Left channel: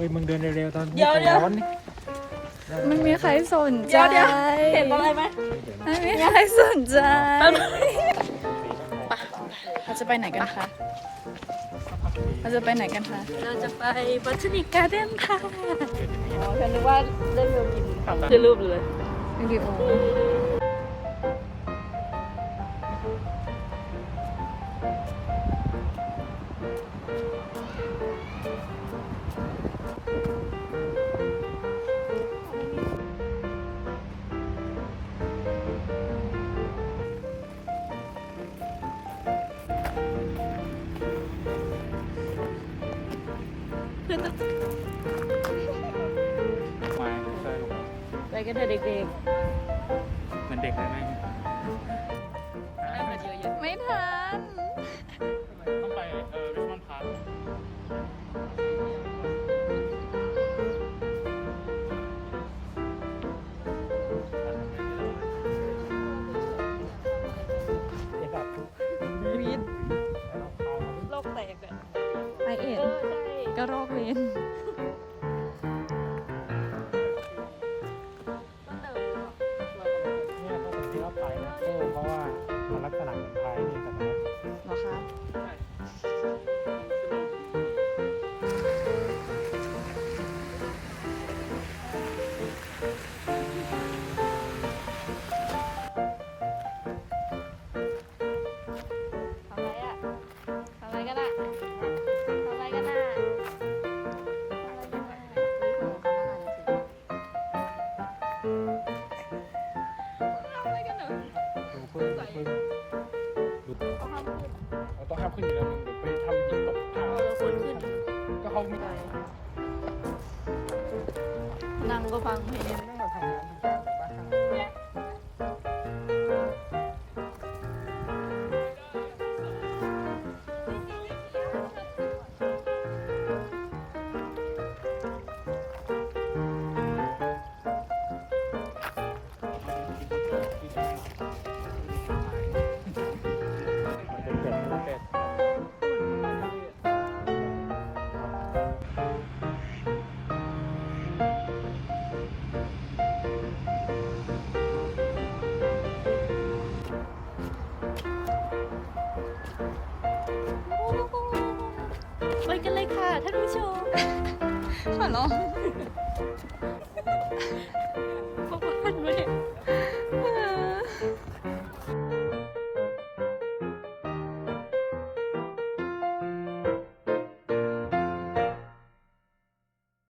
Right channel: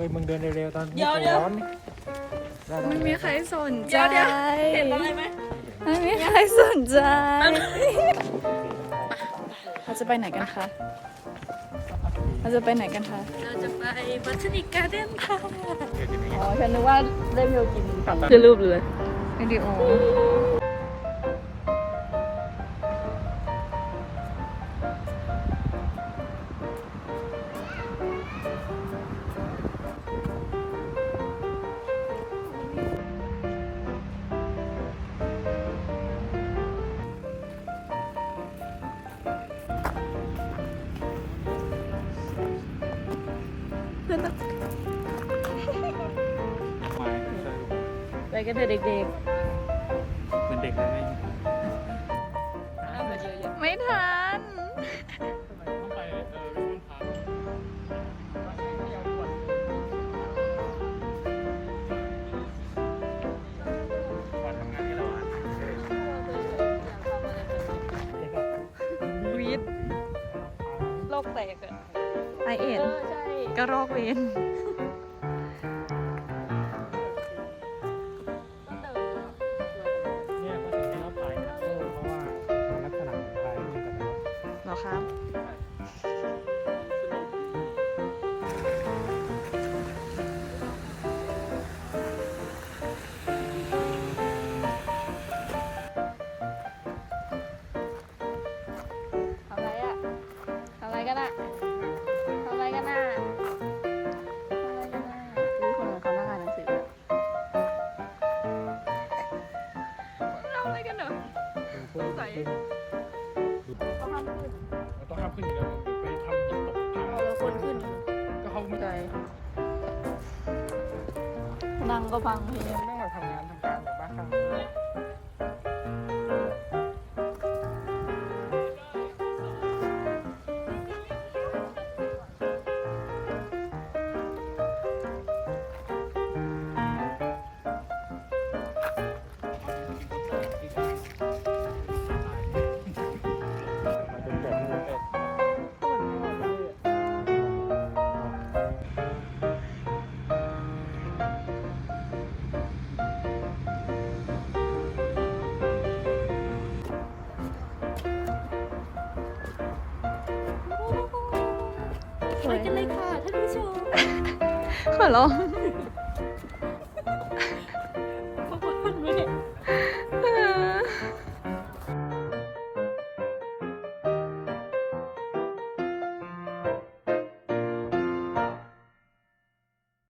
ฮ้ยมึงเดินเร็วๆตอนเดี๋ยวเดี๋ยวร้อนนี่ไม่มีใครสนใจเห็นอะไรไหมไม่มีใครสนใจเราจะไปไหนกันคะเราจะไปไหนกันคะเราจะไปบัตนิกการ์เด้นค่ะฉันนึกว่าเล่นโยกินคือรูปเลยวิดีโอ เพื่อนต้องมาช่วยลูกไปกันเถอะเด็กเหมือนเด็กเลยไหมๆน่าเยอะไม่ทัน กระรอกเวนต้องเดินเนี่ยเขาถึงที่เขาไปเพราะว่ามันลักษณะเหมือนพายนี่แต่ว่าเหรอครับทำ ขึ้นเพื่อนเราต้องห้ามขึ้นอยู่แล้วมึงไปทำหินตกทางเราขึ้นก็ห้องไม่ได้นั่งก็พังเพลงนั่งมาทำเรื่อง ไปกันเลยค่ะท่านผู้ชม ขอร้อง